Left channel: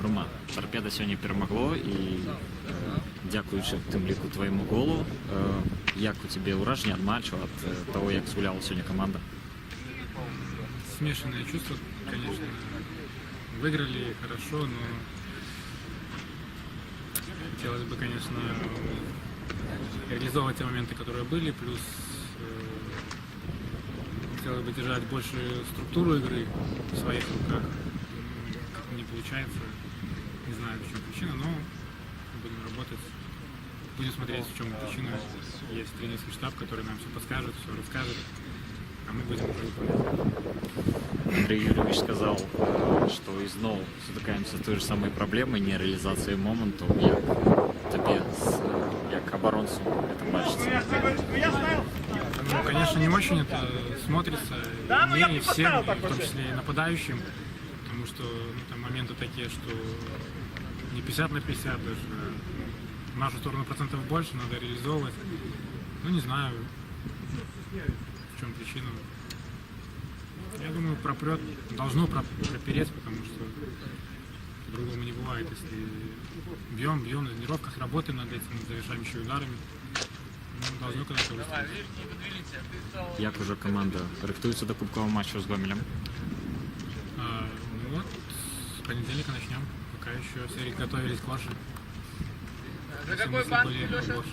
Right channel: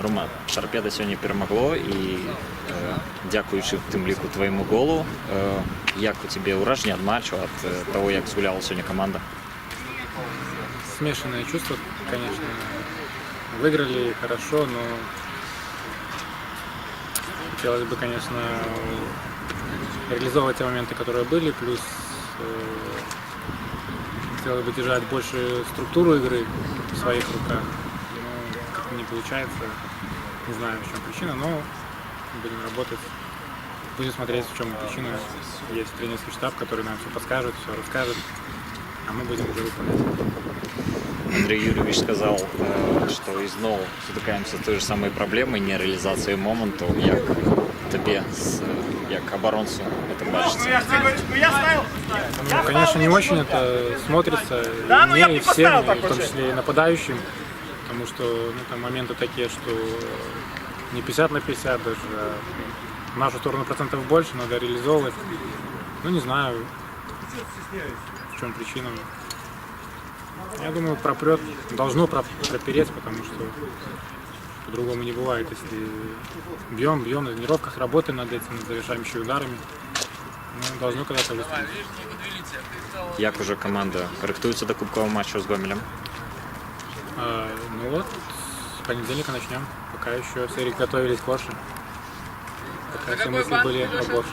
Роман, Торпеда сьогодні перемогло і дякуючи тим ліку твоєму голу, як у тебе враження від матчу, від того, як згуляла сьогодні команда? Смешанные чувства, конечно. Выиграли хорошо, но хотелось бы, конечно, реализовывать те моменты, которые были, плюс хотелось бы держать больше структуру игры в своих руках. Но как-то не получается, не знаю, в чем причина, но будем работать, будем смотреть, в чем причина. Есть тренерский штаб, который нам все подскажет, все расскажет, а мы будем уже выполнять. Андрей Юрьевич сказал, что и знову стикаємося з тою ж самою проблемою нереалізації моменту. Як тобі, як оборонцу, це бачиться? Ну, конечно, не очень это смотрится и мне, и всем, и в том числе и нападающим, потому что там моменты такие, что не 50 на 50 даже, а в нашу сторону процентов больше, надо реализовывать. Ну, не знаю, в чем причина. Я думаю, пропрет, должно пропереть, потому что по-другому не бывает. Если бьем, на тренировках работаем над этим, над завершающими ударами, ну, должно когда-то выстрелить. Як уже команда рихтується до кубкового матчу з Гомелем? Ну вот, с понедельника начнем. Пока еще все готовились к Орше. Пока все мысли были о Борше.